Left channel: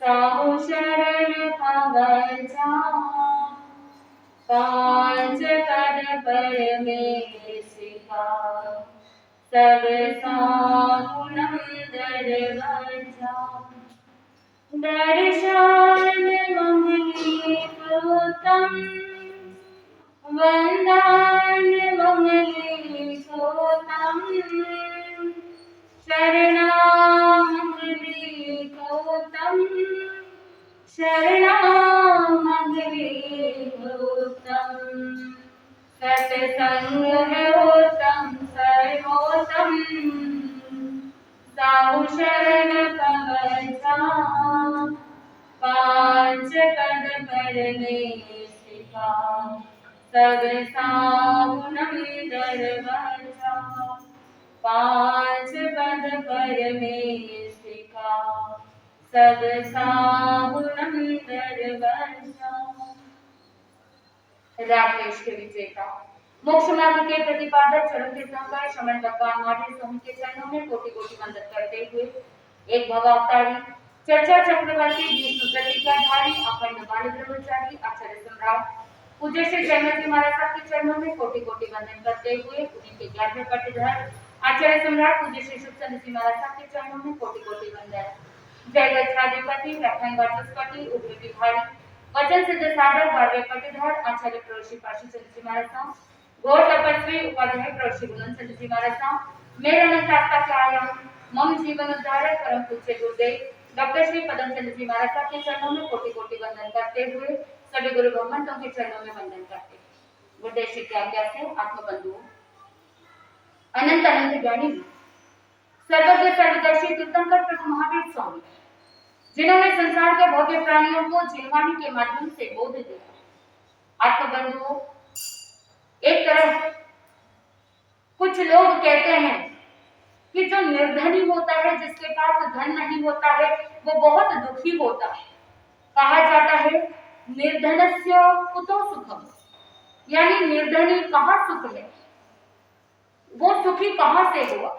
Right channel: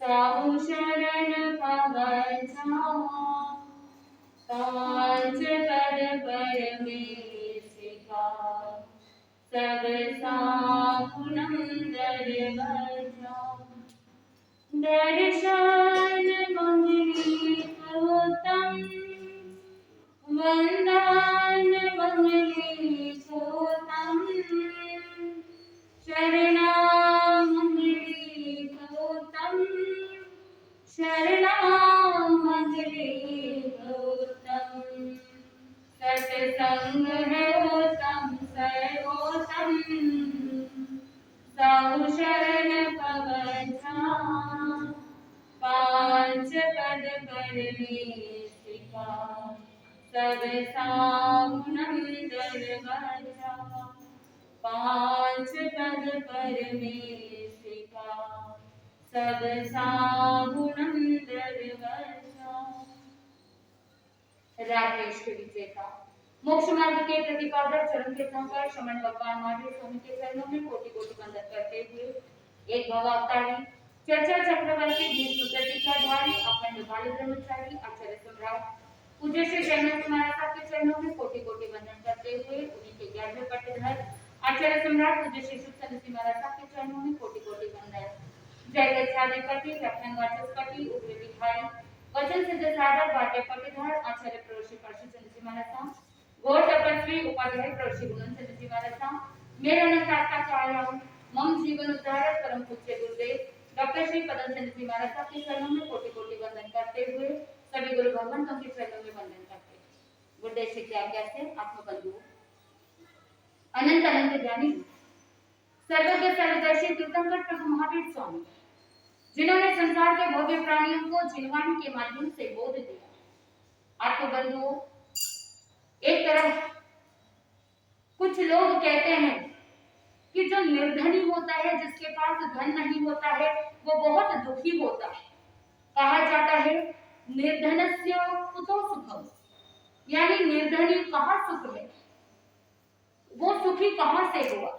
साहु शरण पवजा पांच पद परमेशिका सब साहुनम दरवजा दर्शन मंगली प्रोतम वंदन मंगली प्रोतम शरणामंगली गौतम शरणामंगली गौतम सत्संग है उत्तम सर्वोत्तम साहु शरण कवचा पांच पद परमेशिका सब साहुनम दरवजा पांच पद परमेशिका सब साहुनम दरवजा। राकेश के विजेता मोक्ष मार्ग के प्रतिपादक चरण तीर्थंकर श्रमण भगवान महावीर स्वामी के चरणों में कोटि कोटि वंदन करते हुए एक भवावतारी चर्चा चक्रवर्ती विष्णु प्रतिज्ञाधारी अखंड बाली ब्रह्मचारी आचार्य सम्राट पूज्य श्री जयमती महाराज साहब के चरणों में कोटि कोटि वंदन करते हुए उन्हीं के 11वें पट्टीधर आचार्य सम्राट पूज्य श्री सुखचंद जी महाराज साहब के चरणों में कोटि कोटि वंदन। जय गच्छाधिपति व्याख्यान वाचस्पति उग्र विहारी वचन सिद्ध साधक 12वें पट्टीधर आचार्य प्रवृषि पार्षद जी महाराज साहब गौर तपस्वी उपाध्याय प्रवृषि गुणवंत जी महाराज साहब मेरा नमस्कार के आया हूँ मम जीवन उद्धारक परम पूज्य गुरुदेव डॉक्टर श्री पदम चंद्र जी महाराज साहब के चरणों में कोटि कोटि वंदन करते हुए सभी गुरु भगवंतों के चरणों में वंदन करते हैं। गुरुदेव श्री की आज्ञा से आत्मबंधुओं अनंत अनंत ज्ञानी सर्वज्ञ सर्वदर्शी तीर्थंकर प्रभु महावीर स्वामी जिन्होंने संसार के भव्य प्राणियों को जीववाणी के माध्यम से बोध दिया। आत्मबंधुओं एक तरफ कुछ लोग कहते हैं कि जो निर्धनी होता है जिसके पास धन नहीं होता है वो बहुत दुखी होता है। कहा जाता है निर्धनस्य कुतो सुखम यानी निर्धनी कहाँ सुख है वो सुखी कहाँ से हुआ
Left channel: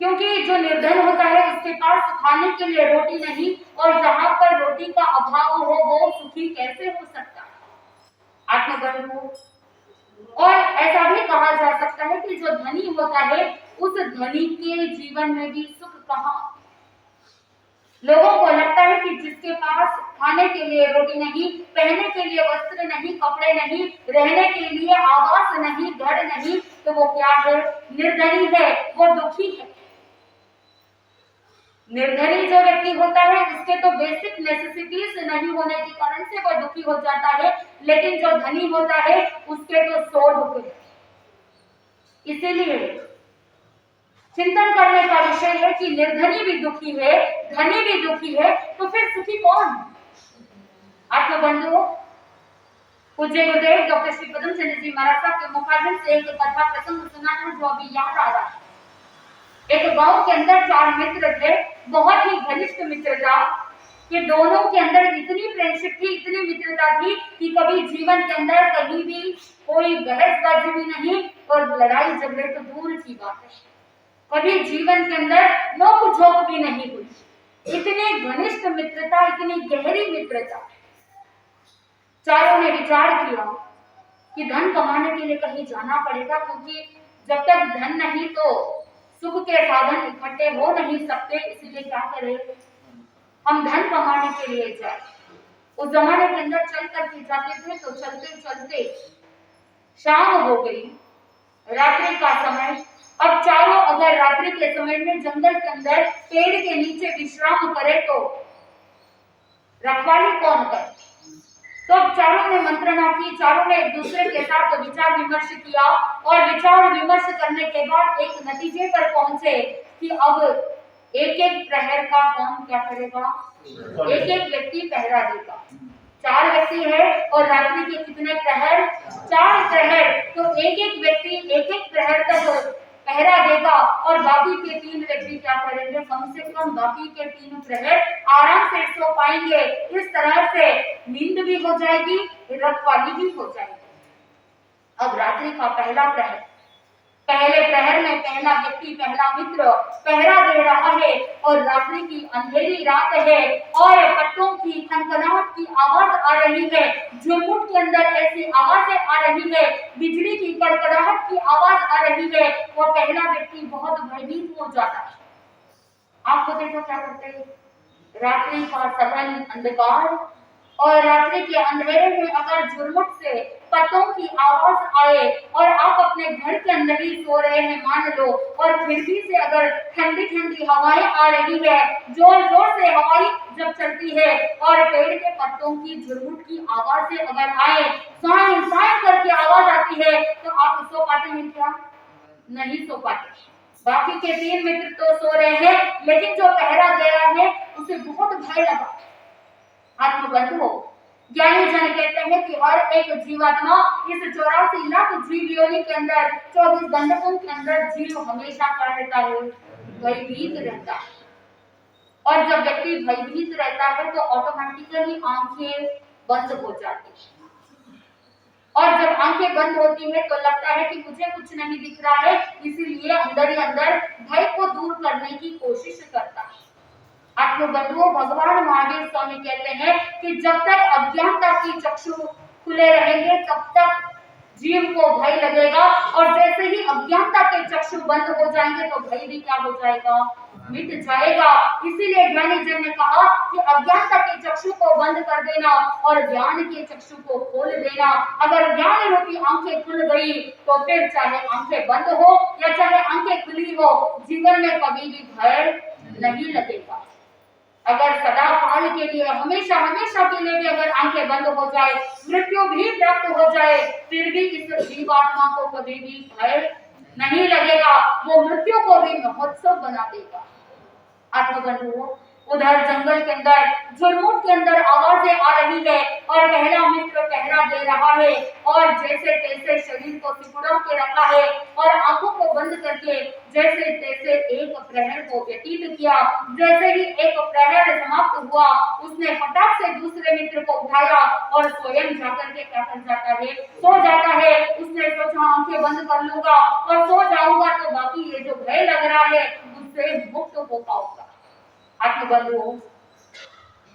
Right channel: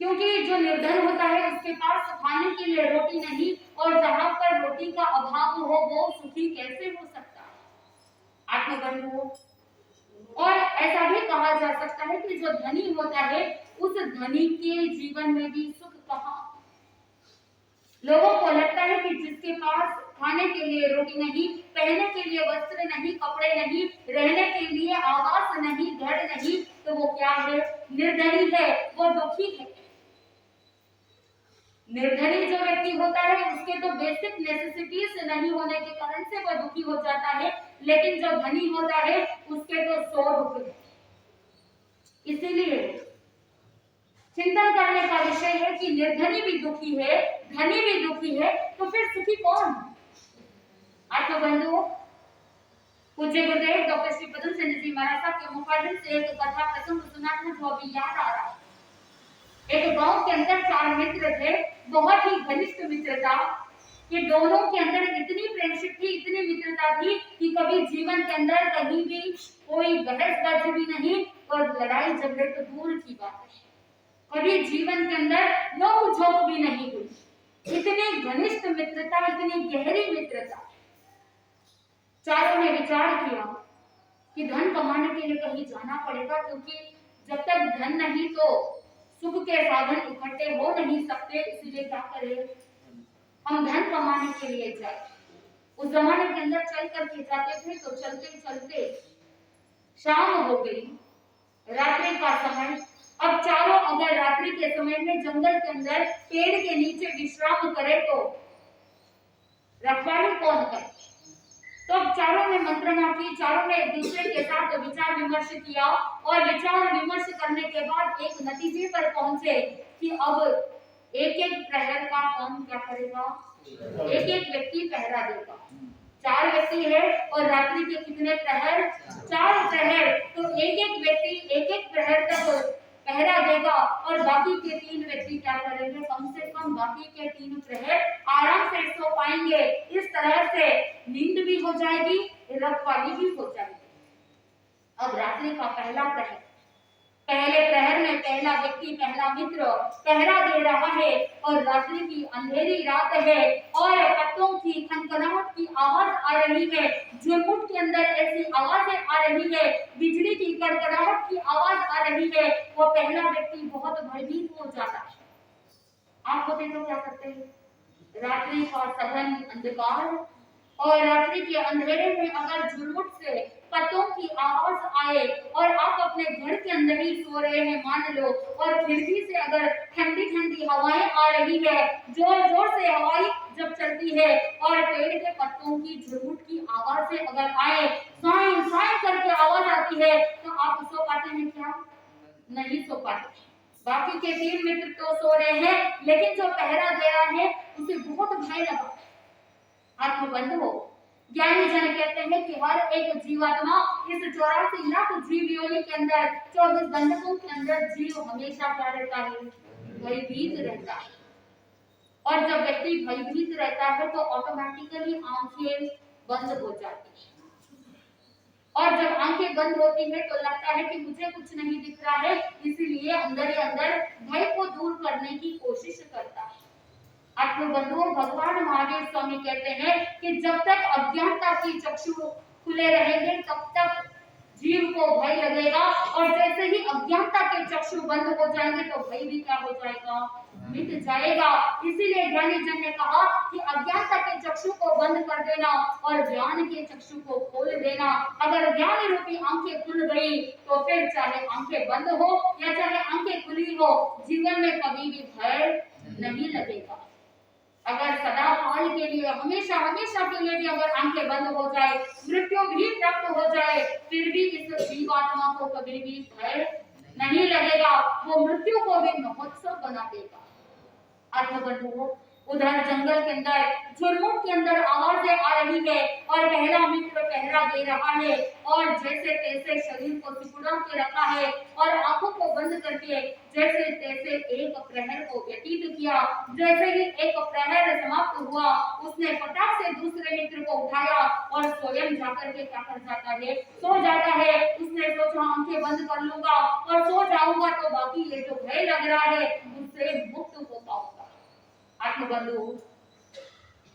क्योंकि जो निर्धन होता है उसके पास खाने के लिए रोटी नहीं और जहां पर रोटी का अभाव हो वो सुखी कैसे हो सकता है। आत्मबंधुओं और ऐसा भी कहा जा सकता है कि जो धनी होता है उस धनी के जीवन में भी सुख कहाँ। लोगों को लगता है कि जिसके पास खाने के लिए रोटी नहीं पहनने के लिए वस्त्र नहीं कपड़े नहीं रहने के लिए आवास नहीं घर नहीं तो वो क्या है निर्धनी है वो दुखी है। निर्धनी जो व्यक्ति होता है उसके तो बेसिक नेसेसिटीज नहीं होने के कारण से वो दुखी हो जाता है लेकिन जो धनी होता है उसके तो 100 दुख है। इसीलिए चिंतन करने का विषय है कि निर्धनी भी दुखी है धनी भी दुखी है तो फिर सुखी कौन। आत्मबंधुओं पूज्य गुरुदेव डॉक्टर श्री पदम चंद्र जी महाराज साहब के मुखारबिंद से एक कथा प्रसंग सुना था जो अभी याद आ रहा है। एक गांव के अंदर 4 मित्र थे बहुत ही घनिष्ठ मित्रता कि दोनों के अंदर इतनी फ्रेंडशिप थी इतनी मित्रता थी कि कभी जीवन के अंदर कहीं भी कोई बहसबाजी भी नहीं और लड़ाई झगड़े तो दूर की बात है कभी जीवन के अंदर नोक झोंक भी नहीं हुई। इतनी घनिष्ठ मित्रता इतनी गहरी मित्रता। चारों ने विचार किया कि धन कमाने के लिए कहीं जाना पड़ेगा क्योंकि जब तक धन नहीं तो सुख के साधन इकट्ठे हो नहीं सकते इसलिए क्या करें हम धन कमाने के लिए जाए। उस जमाने के अंदर चल करके जाते थे तो चलते चलते शाम हो गई रात्रि का समय। अब चारों अगर रात्रि के समय में जंगल के अंदर पेड़ के नीचे विश्राम करे तो रखवाली कौन करे। तो अब चारों ने मंत्रणा की चारों ने एक दूसरे के साथ विचार विमर्श किया और विचार विमर्श करने के बाद एक नतीजे पर पहुंचे कि अब एक एक प्रहर का कौन क्या करेगा एक एक व्यक्ति पहरा देगा। 4 व्यक्ति है और रात्रि के कितने प्रहर 4 प्रहर तो एक एक व्यक्ति एक एक प्रहर तक पहरा देगा और बाकी के 3 व्यक्ति क्या करेंगे कम से कम बाकी के 3 प्रहर आराम से सो पाएंगे। इस तरह से नींद भी हो जाएगी रखवाली भी हो जाएगी। अब रात्रि का पहला पहले प्रहर में पहला व्यक्ति, पहला मित्र पहरा दे रहा है और रात्रि की अंधेरी रात है और पत्तों की खनखनाहट की आवाज आ रही है, झुरमुट के अंदर ऐसी आवाजें आ रही है, बिजली की कड़कड़ाहट की आवाज आ रही है। वो पहला व्यक्ति बहुत भयभीत हो जाता है। आप होते तो क्या करते? रात्रि का सघन अंधकार और रात्रि के अंधेरे में अगर झुरमुट से पत्तों की आवाज आए और आप अपने घर के अंदर ही सो रहे हैं मान लो, और खिड़की से अगर ठंडी ठंडी हवाएं आ रही है, जोर जोर से हवाएं जब चलती है और पेड़ के पत्तों की झुरमुट की आवाज से अगर आए, साए साए करके आवाज आती है, तो आप सो पाते हैं क्या? नहीं सो पाते। बाकी के 3 मित्र तो सो रहे हैं, लेकिन जो पहरा दे रहा है उसे बहुत भय लगा। आत्मबंधु ज्ञानी जन कहते हैं कि हर एक जीवात्मा इस 84 लाख जीव योनि के अंदर 24 घंटों के अंदर जीव हमेशा क्या रहता है? भयभीत रहता है। और जब व्यक्ति भयभीत रहता है तो ऑटोमेटिकली आंखें बंद हो जाती है, और जब आंखें बंद होती है तो लगता है कि मुझे कुछ नहीं दिख रहा है, इसीलिए अंदर ही अंदर भय को दूर करने की कोशिश करता है। आत्मबंधुओं, भगवान महावीर स्वामी कहते हैं कि जब तक अज्ञानता की चक्षु खुले रहेंगे तब तक जीव को भय लगेगा, और जैसे ही अज्ञानता के चक्षु बंद हो जाएंगे तो भय भी क्या हो जाएगा? मिट जाएगा। इसीलिए ज्ञानी जन ने कहा कि अज्ञानता के चक्षु को बंद कर देना और ज्ञान के चक्षु को खोल देना। अगर ज्ञान रूपी आंखें खुल गई तो फिर चाहे आंखें बंद हो या चाहे आंखें खुली हो, जीवन में कभी भी भय नहीं लगेगा। अगर सदा काल के लिए, हमेशा हमेशा के लिए भी अगर आंखें बंद हो जाए, मृत्यु भी प्राप्त हो जाए, फिर भी इस जीवात्मा को कभी भी भय नहीं लगेगा, वो मृत्यु को भी महोत्सव बना देगा। आत्मबंधुओं, उधर जंगल के अंदर झुरमुट के अंदर आवाजें आ रही है और पहला मित्र पहरा दे रहा है, और जैसे तैसे शरीर को सिकुड़ा के रखा है और आंखों को बंद करके जैसे तैसे एक प्रहर को व्यतीत किया। जैसे ही एक प्रहर समाप्त हुआ, उसने फटाक से दूसरे मित्र को उठाया और स्वयं जाकर के क्या कर जाता है? सो जाता है। उसने सोचा आंखें बंद कर लूंगा और सो जाऊंगा तो बाकी ये जो भय लग रहा है उससे मुक्त हो पाऊंगा। आत्मबंधुओं,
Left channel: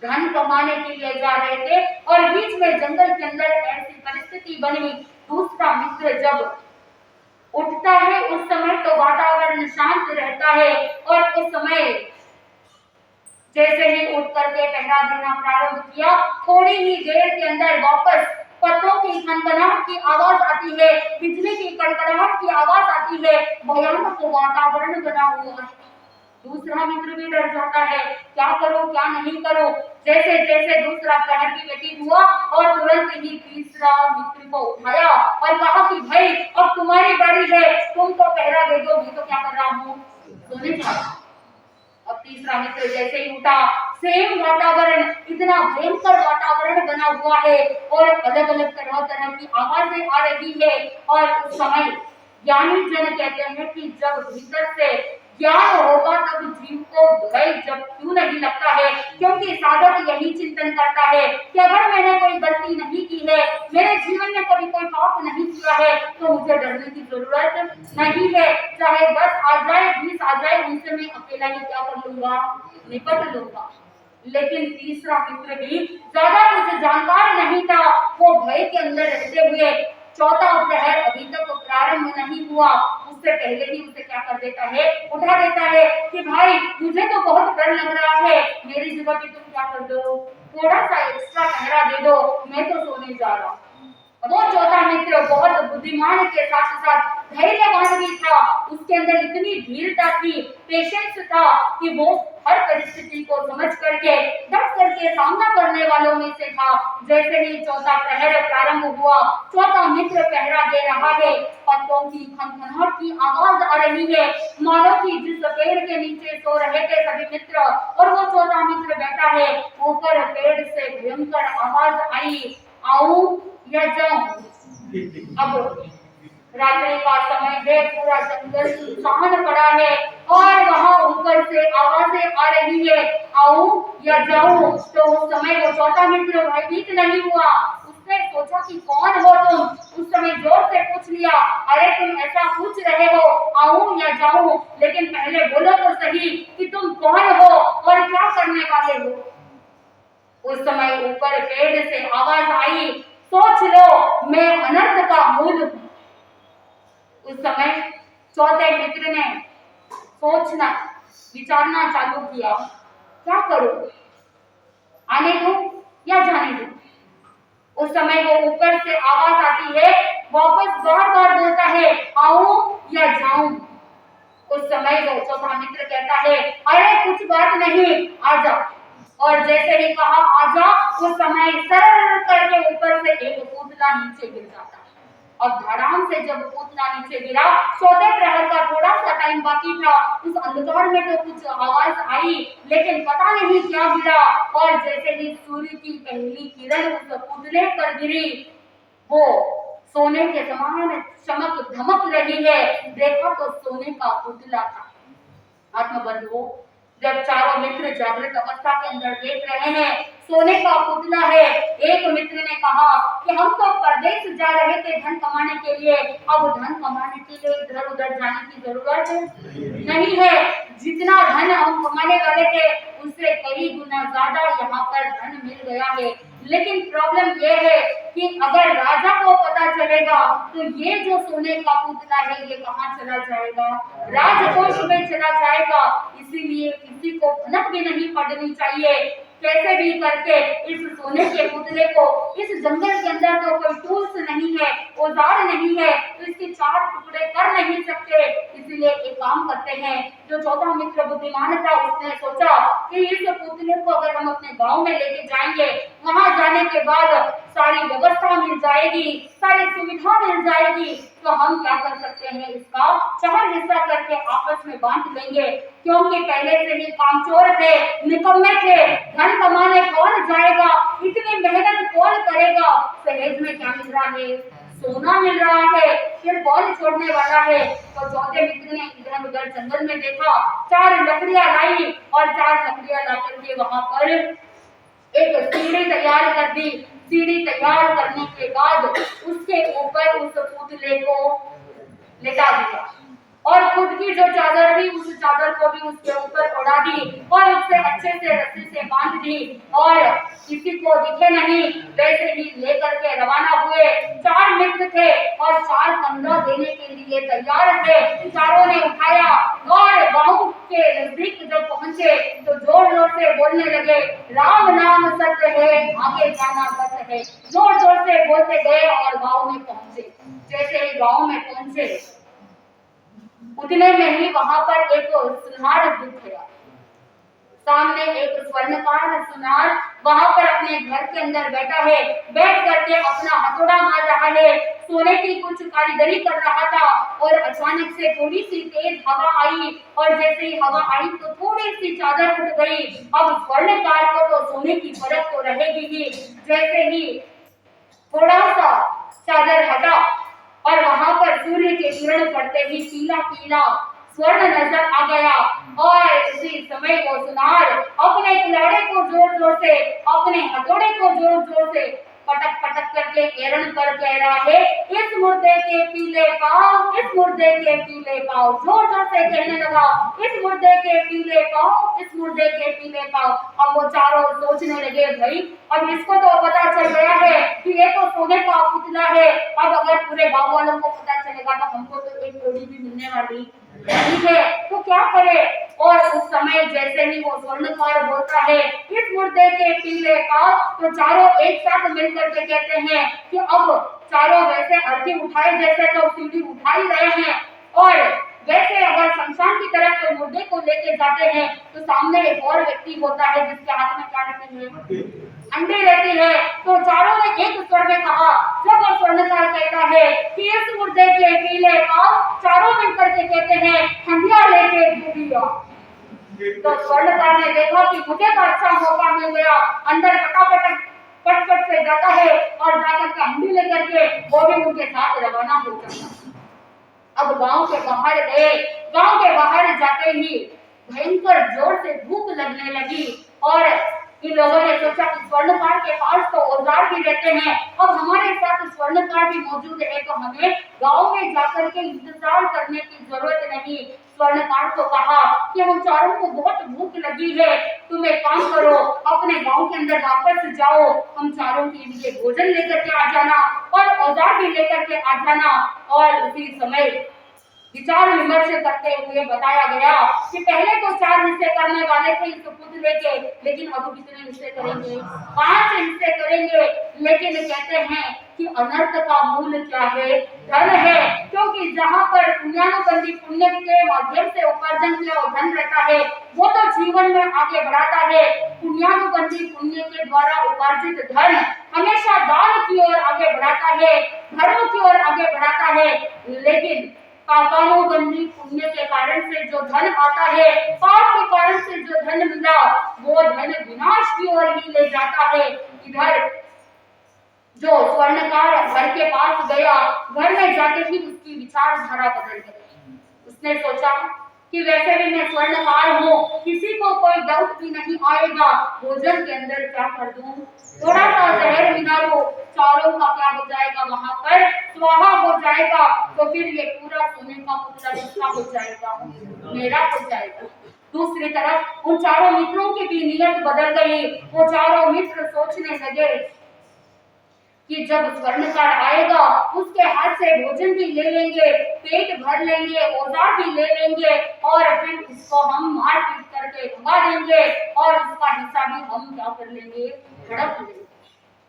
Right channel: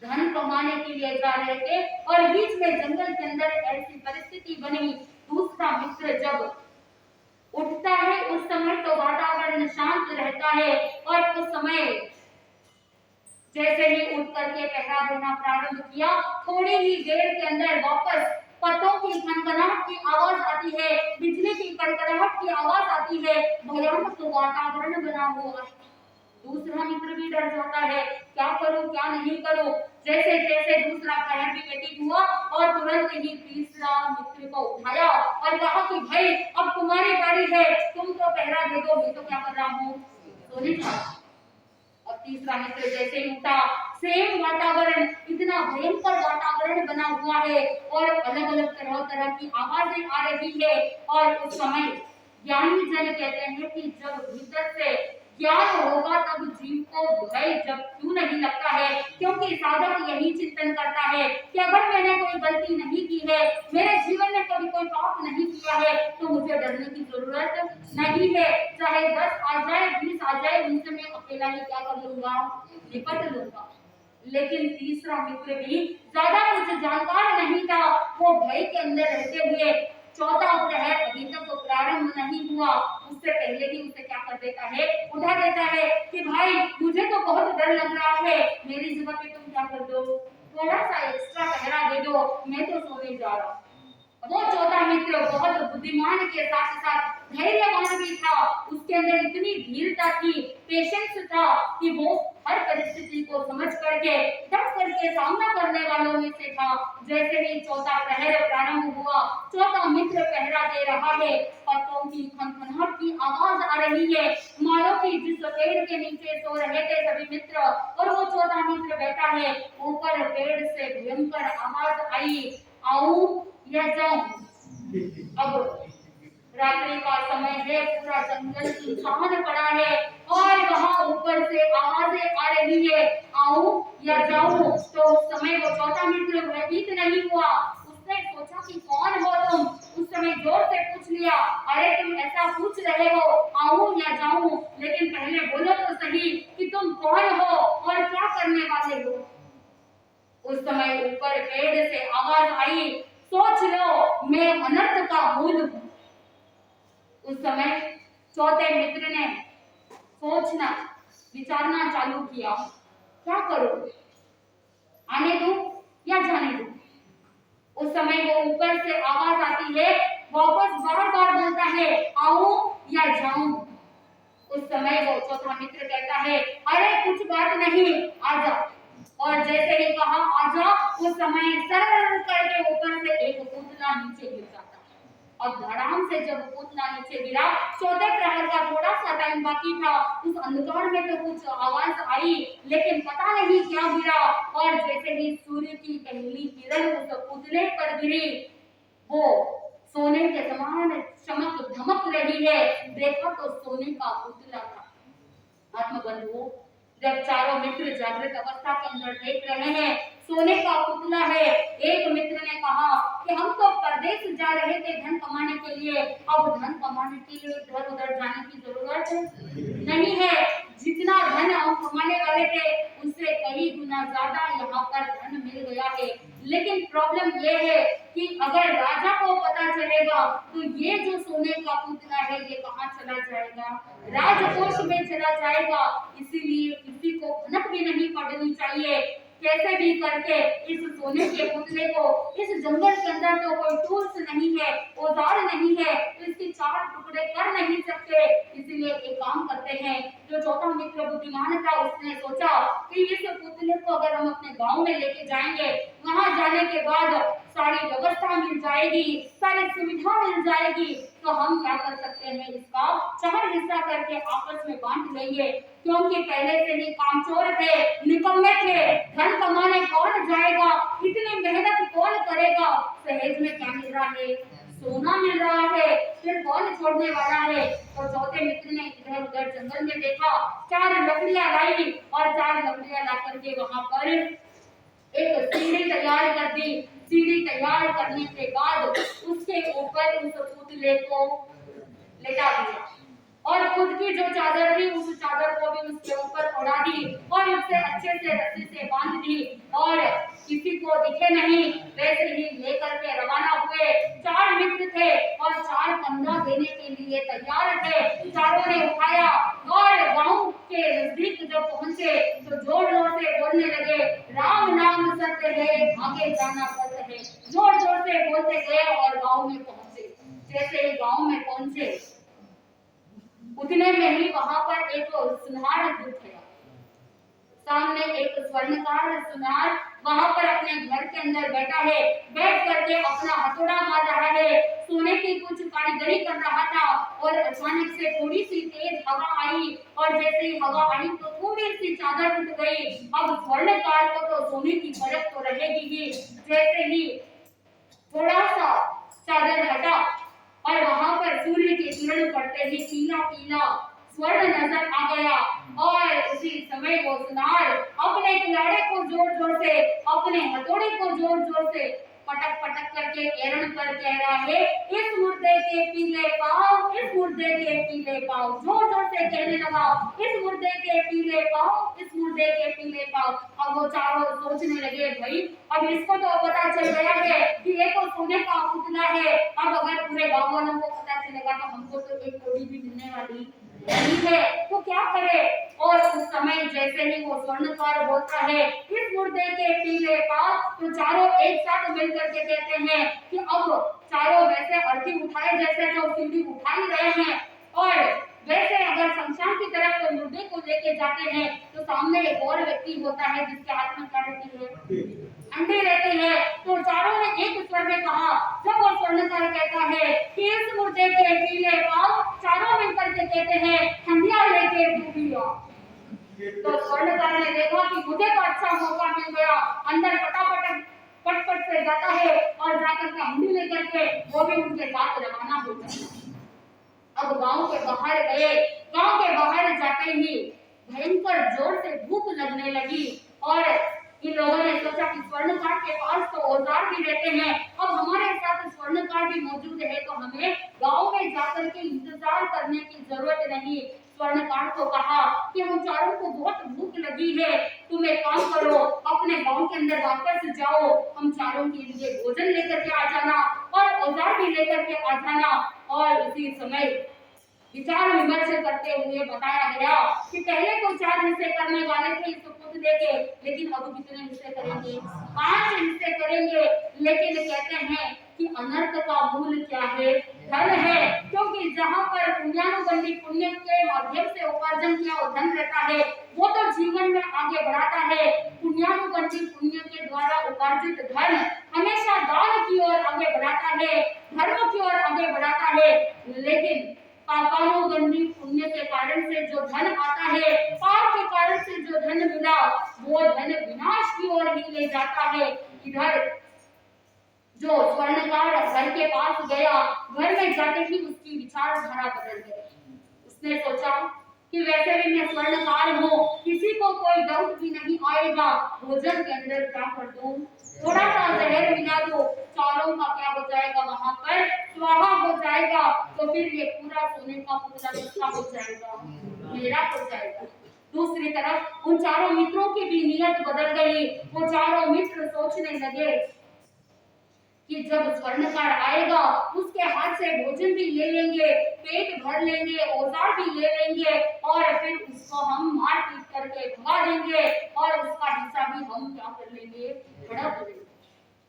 धन कमाने के लिए जा रहे थे और बीच में जंगल के अंदर ऐसी परिस्थिति बनी, दूसरा मित्र जब उठता है उस समय तो वातावरण शांत रहता है, और उस समय जैसे ही उठ करके पहरा देना प्रारंभ किया, थोड़ी ही देर के अंदर वापस पत्तों की खनखनाहट की आवाज आती है, बिजली की कड़कड़ाहट की आवाज आती है, भयानक वातावरण बना हुआ है। दूसरा मित्र भी डर जाता है, क्या करो क्या नहीं करो। जैसे जैसे दूसरा प्रहर भी व्यतीत हुआ और तुरंत ही तीसरा मित्र को उठाया और कहा कि भाई अब तुम्हारी बारी है, तुम तो पहरा दे दो, मैं तो क्या कर रहा हूँ? सोने जा रहा। अब तीसरा मित्र जैसे ही उठा, सेम वातावरण, इतना भयंकर वातावरण बना हुआ है और अलग अलग तरह तरह की आवाजें आ रही है। और उस समय ज्ञानी जन कहते हैं कि जब भीतर से ज्ञान होगा तब जीव को भय जब क्यों नहीं लगता है, क्योंकि साधक यही चिंतन करता है कि अगर मैंने कोई गलती नहीं की है, मेरे जीवन में कभी कोई पाप नहीं किया है, तो मुझे डरने की जरूरत नहीं है। चाहे 10 आ जाए 20 आ जाए, उनसे मैं अकेला ही क्या कर लूंगा? निपट लूंगा। लेकिन तीसरा मित्र भी ज्यादा कुछ जानकार नहीं था, वो भय के अंदर रहते हुए चौथा प्रहर अभी तक प्रारंभ नहीं हुआ, उससे पहले ही उसे क्या कर देता है? उठा देता है कि भाई मुझे तो बहुत डर लग रहा है, मेरी जगह पे तुम क्या कर दो, थोड़ा सा एक्स्ट्रा पहरा दे दो, मैं तो सोने जा रहा हूँ। वो चौथा मित्र बहुत बुद्धिमान के साथ साथ धैर्यवान भी था, उसके अंदर इतनी धीरता थी, पेशेंस था कि वो हर परिस्थिति को समझ करके डट करके सामना करने वालों में से था। जैसे ही चौथा प्रहर प्रारंभ हुआ, चौथा मित्र पहरा दे रहा है, पत्तों की खनखनाहट की आवाज आ रही है, मानो कि जिस पेड़ के नीचे सो रहे थे सभी मित्र और वो चौथा मित्र बैठा है, ऊपर पेड़ से भयंकर आवाज आई, आऊं या जाऊं। अब रात्रि का समय है, पूरा जंगल सुनसान पड़ा है और वहां ऊपर से आवाजें आ रही है, आऊं या जाऊं। तो उस समय वो चौथा मित्र भयभीत नहीं हुआ, उसने सोचा कि कौन हो तुम। उस समय जोर से पूछ लिया, अरे तुम ऐसा पूछ रहे हो, आऊं या जाऊं, लेकिन पहले बोलो तो सही कि तुम कौन हो और क्या करने वाले हो। उस समय ऊपर पेड़ से आवाज आई, सोच लो मैं अनर्थ का मूल हूं। उस समय चौथे मित्र ने सोचना विचारना चालू किया, क्या करूं, आने दो या जाने दो। उस समय वो ऊपर से आवाज आती है, वापस बार बार बोलता है, आऊं या जाऊं। उस समय वो चौथा मित्र कहता है, अरे कुछ बात नहीं, आजा। और जैसे ही कहा आजा, उस समय सरर करके ऊपर से एक पुतला नीचे गिर जाता है। और धड़ाम से जब पुतला नीचे गिरा, चौथे प्रहर का थोड़ा सा टाइम बाकी था। उस अंधकार में तो कुछ आवाज आई, लेकिन पता नहीं क्या गिरा। और जैसे ही सूर्य की पहली किरण उस पुतले पर गिरी, वो सोने के समान चमक धमक रही है। देखा तो सोने का पुतला था। आत्मबंधुओं, जब चारों मित्र जागृत अवस्था के अंदर देख रहे हैं सोने का पुतला है, एक मित्र ने कहा कि हम तो परदेश जा रहे थे धन कमाने के लिए, अब धन कमाने के लिए इधर उधर जाने की जरूरत नहीं है। जितना धन हम कमाने वाले थे उससे कई गुना ज्यादा यहाँ पर धन मिल गया है। लेकिन प्रॉब्लम ये है कि अगर राजा को पता चलेगा तो ये जो सोने का पुतला है ये कहाँ चला जाएगा, राजकोष में चला जाएगा। इसीलिए किसी को भनक भी नहीं पड़नी चाहिए। कैसे भी करके इस सोने के पुतले को, इस जंगल के अंदर तो कोई टूल्स नहीं है, औजार नहीं है, तो इसके चार टुकड़े कर नहीं सकते। इसीलिए एक काम करते हैं, जो चौथा मित्र बुद्धिमान था उसने सोचा कि इस पुतले को अगर हम अपने गांव में लेके जाएंगे, वहां जाने के बाद सारी व्यवस्था मिल जाएगी, सारी सुविधा मिल जाएगी, तो हम क्या कर सकते हैं, इसका चार हिस्सा करके आपस में बांट लेंगे। क्योंकि पहले से ही कामचोर थे, निकम्मे थे, धन कमाने कौन जाएगा, इतनी मेहनत कौन करेगा। सहेज में क्या मिल रहा है, सोना मिल रहा है, फिर कौन छोड़ने वाला है। तो चौथे मित्र ने इधर उधर जंगल में देखा, चार लकड़ियां लाई और चार लकड़ियां ला करके वहां पर एक सीढ़ी तैयार कर दी। सीढ़ी तैयार करने के बाद उसके ऊपर उस पुतले को लेटा दिया और खुद की जो चादर थी उस चादर को भी उसके ऊपर उड़ा दी और उससे अच्छे से रस्सी से बांध दी और किसी को दिखे नहीं, वैसे ही लेकर के रवाना हुए। चार मित्र थे और चार कंधा देने के लिए तैयार थे। चारों ने उठाया और गांव के नजदीक जब पहुंचे तो जोर जोर से बोलने लगे, राम नाम सत्य है, आगे जाना सत्य है। जोर जोर से बोलते गए और गांव में पहुंचे। जैसे ही गांव में पहुंचे उतने में ही वहां पर एक सुनार दिख गया। सामने एक स्वर्णकार सुनार वहां पर अपने घर के अंदर बैठा है, बैठ करके अपना हथौड़ा मार रहा है, सोने की कुछ कारीगरी कर रहा था। और अचानक से थोड़ी सी तेज हवा आई और जैसे ही हवा आई तो थोड़ी सी चादर उठ गई। अब स्वर्णकार को तो सोने की परख तो रहेगी ही। जैसे ही थोड़ा सा चादर हटा और वहां पर सूर्य के किरण पड़ते ही पीला पीला स्वर्ण नजर आ गया। और इसी समय वो सुनार अपने कुल्हाड़े को जोर जोर से, अपने हथौड़े को जोर जोर से पटक पटक करके एरण पर कह रहा है, इस मुर्दे के पीले पांव, इस मुर्दे के पीले पांव। जोर जोर से कहने लगा, इस मुर्दे के पीले पांव, इस मुर्दे के पीले पांव। अब वो चारों सोचने लगे, भाई अब इसको तो पता चल गया है कि ये तो सोने का पुतला है, अब अगर पूरे गांव वालों को पता चलेगा तो हमको तो एक कौड़ी भी मिलने वाली नहीं है, तो क्या करे। और उस समय जैसे ही वो स्वर्णकार बोलता है, इस मुर्दे के पीले पांव, तो चारों एक साथ मिलकर के कहते हैं कि अब चारों वैसे अर्थी उठाए जैसे तो सीढ़ी उठा ही रहे हैं। और वैसे अगर शमशान की तरफ कोई मुर्दे को लेके जाते हैं तो सामने एक और व्यक्ति होता है जिसके हाथ में क्या रहती है, अंडे रहती है। तो चारों ने एक स्वर में कहा, जब वो स्वर्णकार कहता है कि इस मुर्दे के पीले पांव, चारों मिलकर के कहते हैं, हंडिया लेके डूबिया। तो स्वर्णकार ने देखा कि मुझे तो अच्छा मौका मिल गया, अंदर फटाफट फटफट से जाता है और जाकर के हंडी लेकर के वो भी उनके साथ रवाना हो जाता है। अब गांव के बाहर गए, गांव के बाहर जाते ही भयंकर जोर से भूख लगने लगी और इन लोगों ने सोचा कि स्वर्णकार के पास तो औजार भी रहते हैं, अब हमारे साथ स्वर्णकार भी मौजूद है तो हमें गांव में जाकर के इंतजार करने की जरूरत नहीं। स्वर्णकार को कहा कि हम चारों को बहुत भूख लगी है, तुम एक काम करो, अपने गांव के अंदर वापस जाओ, हम चारों के लिए भोजन लेकर के आ जाना और औजार भी लेकर के आ जाना। और उसी समय विचार विमर्श करते हुए बताया गया कि पहले तो 4 हिस्से करने वाले थे इस पुतले के, लेकिन अब कितने हिस्से करेंगे? 5 हिस्से करेंगे। लेकिन कहते हैं कि अनर्थ का मूल क्या है? धन है, क्योंकि जहां पर पुण्यानुबंधी पुण्य के माध्यम से उपार्जन किया हुआ धन रहता है वो तो जीवन में आगे बढ़ाता है। पुण्यानुबंधी पुण्य के द्वारा उपार्जित धन हमेशा दान की ओर आगे बढ़ाता है, धर्म की ओर आगे बढ़ाता है। लेकिन पापानुबंधी पुण्य के कारण से जो धन आता है, पाप के कारण से जो धन मिला वो धन विनाश की ओर ही ले जाता है। इधर जो स्वर्णकार घर के पास गया, घर में जाते ही उसकी विचारधारा बदल गई। उसने सोचा कि वैसे भी मैं स्वर्णकार हूँ, किसी को कोई डाउट भी नहीं आएगा, भोजन के अंदर क्या कर दूं, थोड़ा सा जहर मिला लो, चारों का क्या हो जाएगा, वहां पर स्वाहा हो जाएगा, तो फिर ये पूरा सोने का पुतला किसका हो जाएगा? मेरा हो जाएगा। दूसरी तरफ उन चारों मित्रों की भी नीयत बदल गई। वो चारों मित्र सोचने लगे कि जब स्वर्णकार आएगा उसके हाथ से भोजन भी ले लेंगे, पेट भर लेंगे, औजार भी ले लेंगे और फिर उसको हम मार पीट करके भगा देंगे और उसका हिस्सा भी हम क्या कर लेंगे? हड़प लेंगे।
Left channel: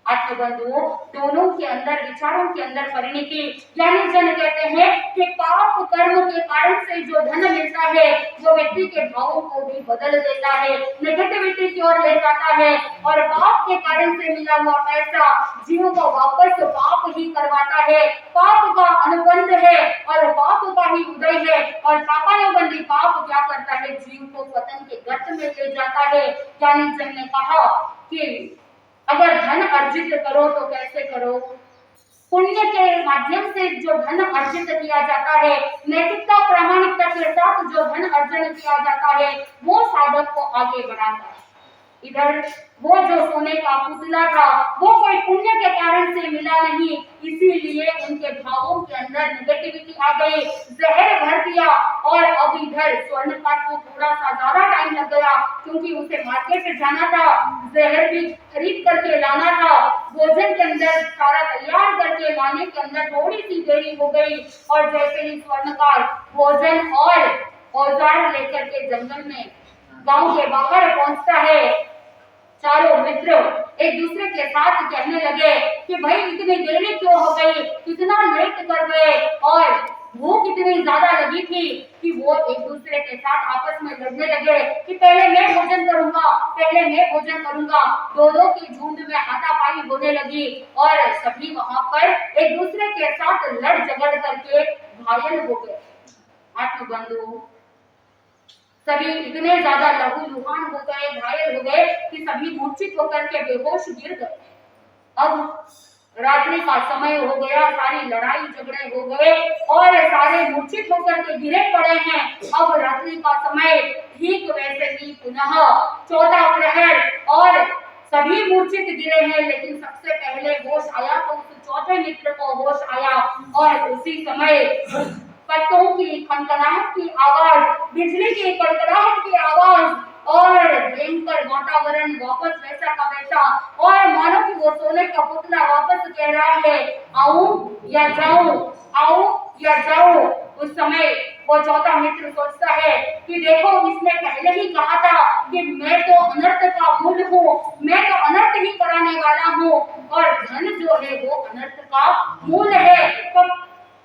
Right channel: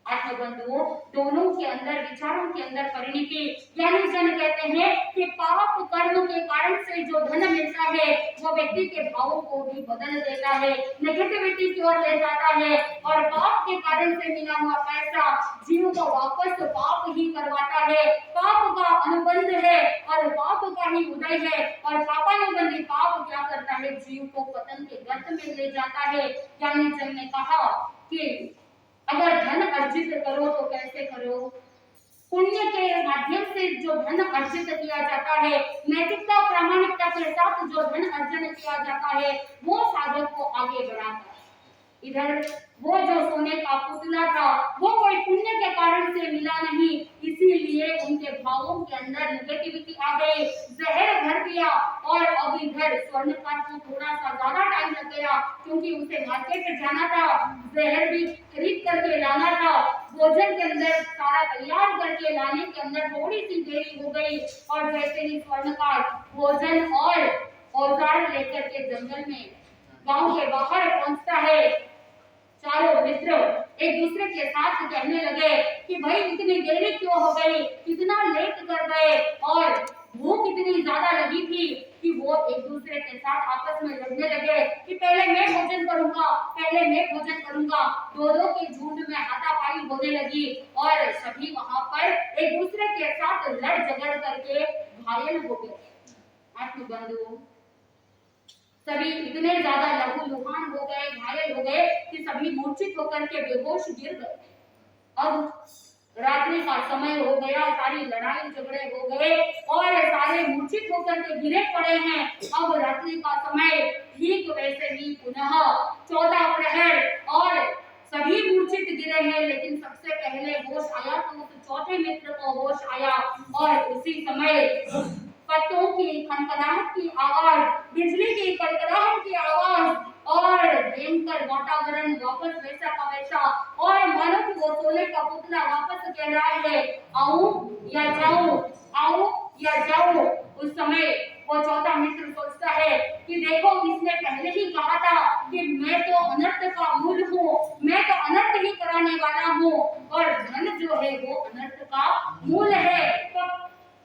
आत्मबंधुओं, दोनों के अंदर विचारों के अंदर परिणति, यानी जन कहते हैं कि पाप कर्म के कारण से जो धन मिलता है वो व्यक्ति के भावों को भी बदल देता है, नेगेटिविटी की ओर ले जाता है और पाप के कारण से मिला हुआ पैसा जीव को वापस पाप ही करवाता है। पाप का अनुबंध है और पाप का ही उदय है और पापानुबंधी पाप क्या करता है? जीव को पतन के गर्त में ले जाता है। यानी जन ने कहा कि अगर धन अर्जित करो तो कैसे करो? पुण्य के माध्यम से जो धन अर्जित किया जाता है, नैतिकता प्रामाणिकता के साथ जो धन अर्जन किया जाता है वो साधक को आगे बढ़ाता है। इधर वो जो सोने का पुतला था वो कोई पुण्य के कारण से मिला नहीं, इसीलिए उनके भावों के अंदर नेगेटिविटी आ गई, जहर भर दिया। और अब इधर स्वर्णकार को थोड़ा सा ज्यादा टाइम लग गया क्योंकि उसे मार्केट जाना था, जहर भी खरीद करके लाना था, भोजन के अंदर सारा तैयार करके लाने के अंदर थोड़ी सी देरी हो गई। और जैसे ही स्वर्णकार भोजन और औजार लेकर के जंगल में गांव के बाहर पहुंचता है, चारों मित्र एक दूसरे के साथ कहने लगे कि भाई इतनी देरी क्यों हो गई, कितना लेट कर गए, और भूख इतनी ज्यादा लगी थी कि वो एक दूसरे के साथ आपस में लड़ने लगे कि पहले मैं भोजन करूंगा, पहले मैं भोजन करूंगा। दोनों की झुंड में हाथापाई होने लगी और सभी वहां पर एक दूसरे के साथ लड़ झगड़ करके घायल हो गए। आत्मबंधु, सभी इतने ज्यादा लहूलुहान हो गए, घायल हो गए कि सभी मूर्छित होकर के बेहोश गिर गए। अब रात्रि का समय हो गया, सारी लड़ाई झगड़े हो गए और सारे मूर्छित होकर के गिरे पड़े हैं। अब रात्रि का समय, ठीक वैसे ही पुनः चौथा प्रहर और सभी मूर्छित गिरे हैं, लेकिन सबसे पहले होश आया तो उस चौथे मित्र को होश आया और उसी समय पत्तों की खनखनाहट की आवाज, बिजली की कड़कड़ाहट की आवाज और भयंकर वातावरण वापस वैसा का वैसा, और मानो कि वो सोने का पुतला वापस कह रहा है आऊं या जाऊं, आऊं या जाऊं। उस समय वो चौथा मित्र सोचता है कि देखो इसने पहले ही कहा था कि मैं तो अनर्थ का मूल हूँ, मैं तो अनर्थ ही कराने वाला हूँ और धन जो है वो अनर्थ का मूल है। तो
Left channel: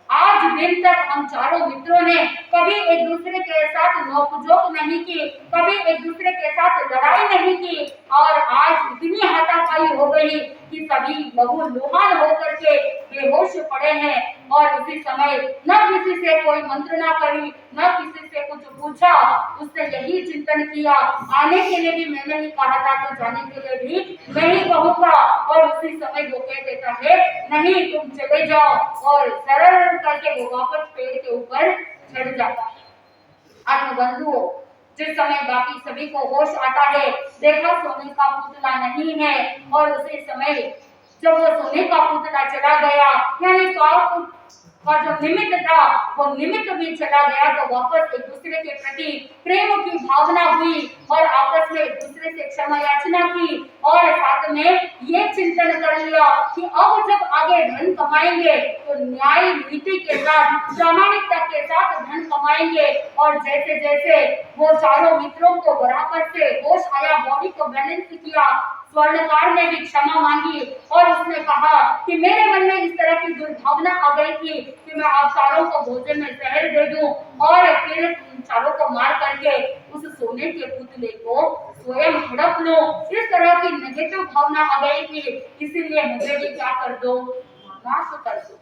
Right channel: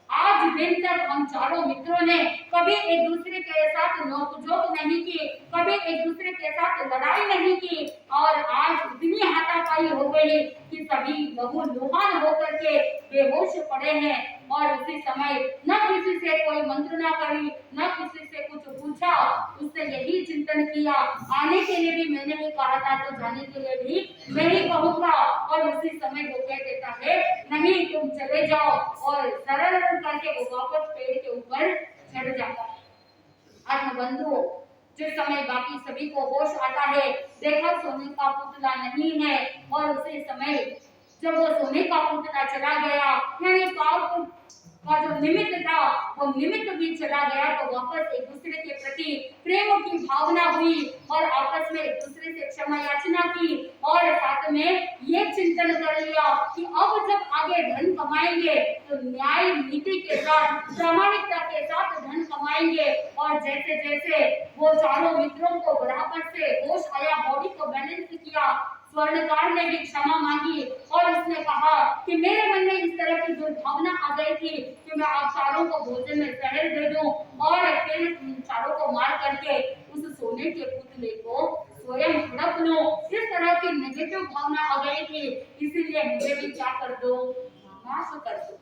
आज दिन तक हम चारों मित्रों ने कभी एक दूसरे के साथ नोकझोंक नहीं की, कभी एक दूसरे के साथ लड़ाई नहीं की और आज इतनी हाथापाई हो गई कि सभी लहूलुहान होकर के बेहोश पड़े हैं। और उसी समय न किसी से कोई मंत्रणा करी, न किसी से कुछ पूछा, उसने यही चिंतन किया आने के लिए भी मैंने ही कहा था तो जाने के लिए भी मैं ही कहूंगा। और उसी समय वो कह देता है नहीं तुम चले जाओ और सरल करके वो वापस पेड़ के ऊपर चढ़ जाता है। आत्मबंधुओं, जिस समय बाकी सभी को होश आता है, देखा सोने का पुतला नहीं है, और उसी समय जब वो सोने का पुतला चला गया, यानी पाप का जो निमित्त था वो निमित्त भी चला गया, तो वापस एक दूसरे के प्रति प्रेम की भावना हुई और आपस में एक दूसरे से क्षमा याचना की, और साथ में ये चिंतन कर लिया कि अब जब आगे धन कमाएंगे तो न्याय नीति के साथ, प्रामाणिकता के साथ धन कमाएंगे। और जैसे जैसे वो चारों मित्रों को बराबर से होश आया, बॉडी को बैलेंस किया, स्वर्णकार ने भी क्षमा मांगी और उसने कहा कि मेरे मन में इस तरह की दुर्भावना आ गई थी कि मैं आप चारों को भोजन में जहर दे दूं और फिर चारों को मार करके उस सोने के पुतले को स्वयं हड़प लूं। इस तरह की नेगेटिव भावना आ गई थी, इसीलिए मुझे भी क्या कर दो, माफ कर दो।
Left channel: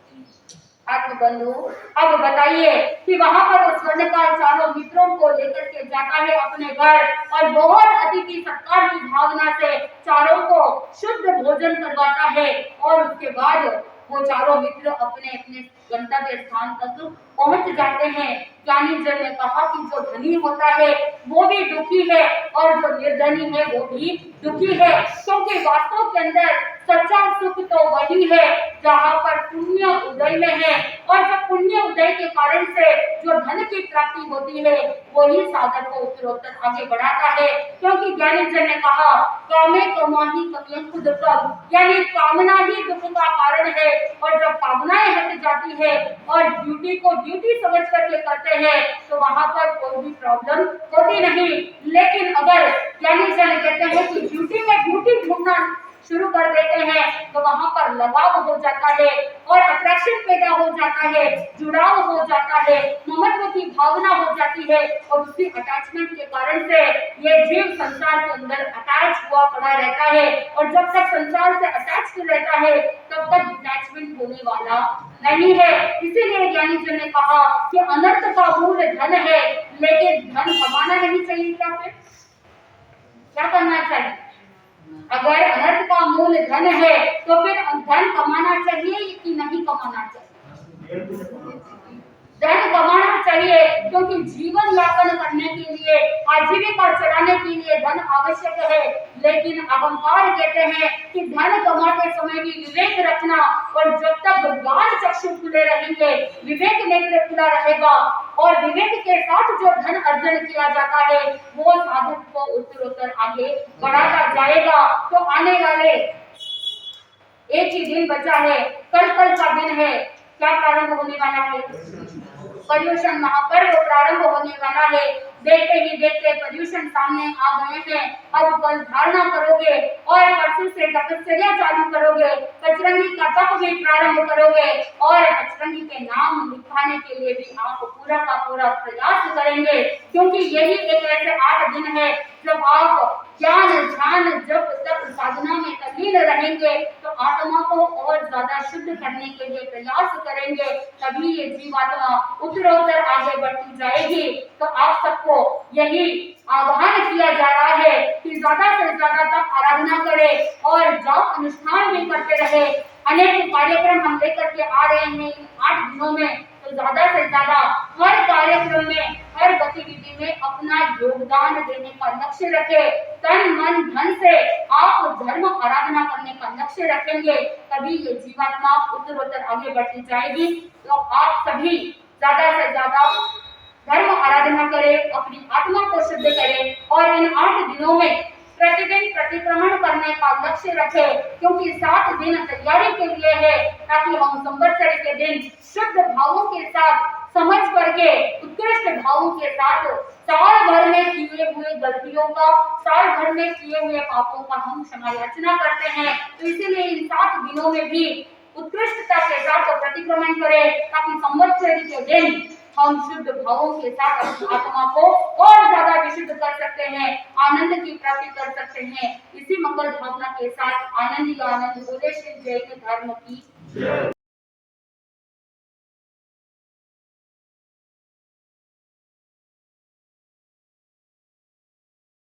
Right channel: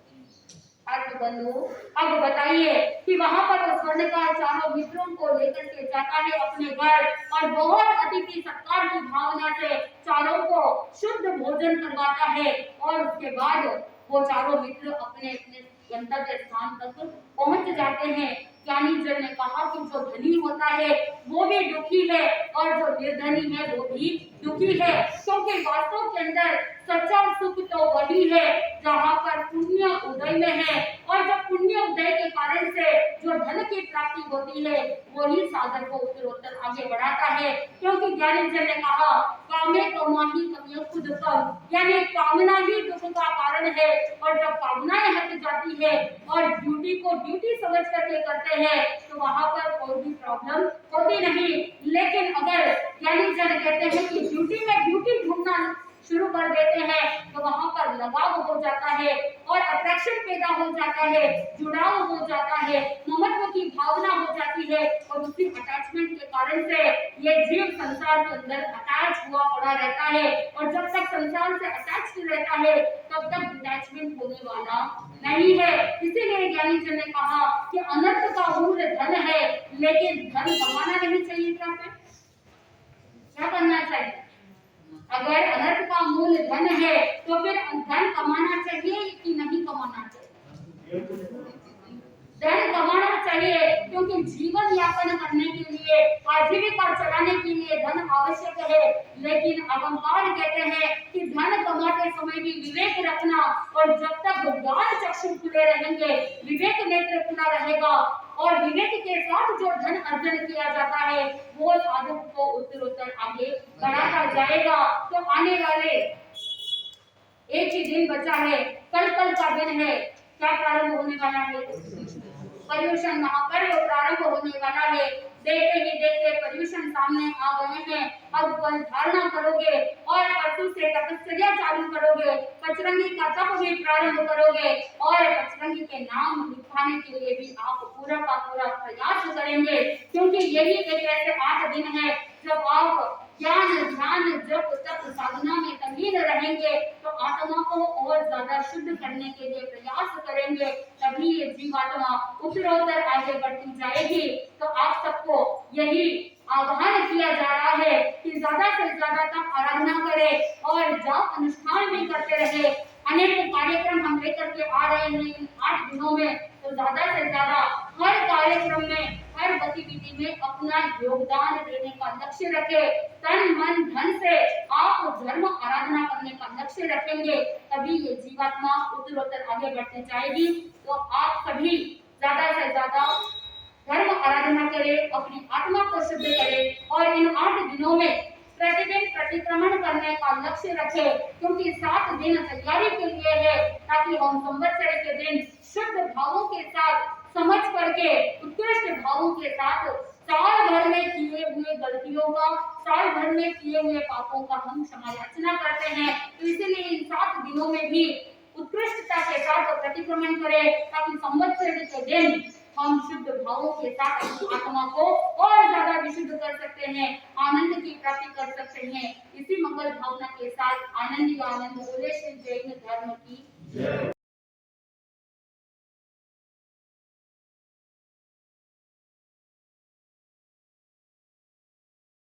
बंधु, अब बताइए कि वहां पर वो स्वर्णकार चारों मित्रों को लेकर के जाता है अपने घर और बहुत अतिथि सत्कार की भावना से चारों को शुद्ध भोजन करवाता है, और उसके बाद वो चारों मित्र अपने अपने गंतव्य स्थान तक पहुंच जाते हैं। ज्ञानी जन ने कहा कि जो धनी होता है वो भी दुखी है और जो निर्धनी है वो भी दुखी है, क्योंकि वास्तव के अंदर सच्चा सुख तो वही है जहाँ पर पुण्य उदय में है, और जब पुण्य उदय के कारण से जो धन की प्राप्ति होती है वही साधक को उत्तरोत्तर आगे बढ़ाता है। क्योंकि ज्ञानी जन ने कहा कामे कमाही कमियां खुद कम, यानी कामना ही दुख का कारण है, और जब कामनाएं हट जाती है और ड्यूटी को ड्यूटी समझ करके करते हैं तो वहां पर कोई भी प्रॉब्लम होती नहीं। लेकिन अगर ज्ञानी जन कहते हैं कि ड्यूटी में ड्यूटी ढूंढना शुरू कर देते हैं तो वहां पर लगाव हो जाता है और अट्रैक्शन पैदा हो जाता है, जुड़ाव हो जाता है, ममत्व की भावना हो जाती है, और उसी अटैचमेंट के कारण से ये जीव संसार के अंदर अटैच हुआ पड़ा रहता है, और जब तक संसार से अटैच्ड रहता है तब तक डिटैचमेंट होने वाला नहीं है। इसीलिए ज्ञानी जन ने कहा कि अनर्थ का मूल धन है, लेकिन धन कमाना नहीं चाहिए। क्या करना चाहिए? अगर अनर्थ का मूल धन है तो फिर धन कमाना चाहिए कि नहीं कमाना चाहिए? धन कमाना चाहिए, क्योंकि जीवन यापन करने के लिए, आजीविका चलाने के लिए धन आवश्यक है। लेकिन अहंकार कहते हैं कि धन कमाते समय भी विवेक रखना, और जब तक ज्ञान चक्षु खुले रहेंगे, विवेक नेत्र खुला रहेगा, और विवेक के साथ जो धन अर्जन किया जाता है वो साधक को उत्तरोत्तर आगे बढ़ाता जाएगा। तो आने वाले एक ही दिन बचा है, कल का दिन है, क्या प्रारंभ होने वाला है? पर्युषण महापर्व प्रारंभ होने वाला है। देखते ही देखते पर्युषण सामने आ गए हैं। अब कल धारणा करोगे और परसों से तपस्या चालू करोगे, पचरंगी का तप भी प्रारंभ करोगे, और पचरंगी के नाम लिखाने के लिए भी आप पूरा का पूरा प्रयास करेंगे, क्योंकि यही एक ऐसे 8 दिन है जब आप ज्ञान ध्यान जप तप साधना में तल्लीन रहेंगे, तो आत्मा को और ज्यादा शुद्ध करने के लिए प्रयास करेंगे, तभी ये जीवात्मा उत्तरोत्तर आगे बढ़ती जाएगी। तो आप सबको यही आह्वान किया जा रहा है कि ज्यादा से ज्यादा तप आराधना करें और जप अनुष्ठान भी करते रहे। अनेक कार्यक्रम हम लेकर के आ रहे हैं इन 8 दिनों में, तो ज्यादा से ज्यादा हर कार्यक्रम में, हर गतिविधि में अपना योगदान देने का लक्ष्य रखें। तन मन धन से आप धर्म आराधना करने का लक्ष्य रखेंगे, तभी ये जीवात्मा उत्तरोत्तर आगे बढ़ती जाएगी। तो आप सभी ज्यादा से ज्यादा धर्म आराधना करें, अपनी आत्मा को शुद्ध करें, और इन 8 दिनों में प्रतिदिन प्रतिक्रमण करने का लक्ष्य रखें, क्योंकि 7 दिन तैयारी के लिए है, ताकि हम संवत्सर के दिन शुद्ध भावों के साथ समझ करके उत्कृष्ट भावों के साथ साल भर में किए हुए गलतियों का, साल भर में किए हुए पापों का हम क्षमा याचना करते हैं। तो इसीलिए इन 7 दिनों में भी उत्कृष्टता के साथ प्रतिक्रमण करें, ताकि संवत्सर के दिन हम शुद्ध भावों के साथ अपनी आत्मा को और ज्यादा विशुद्ध कर सकते हैं, आनंद की प्राप्ति कर सकते हैं। इसी मंगल भावना के साथ आनंद ही आनंद बोले श्री जैन धर्म की जय।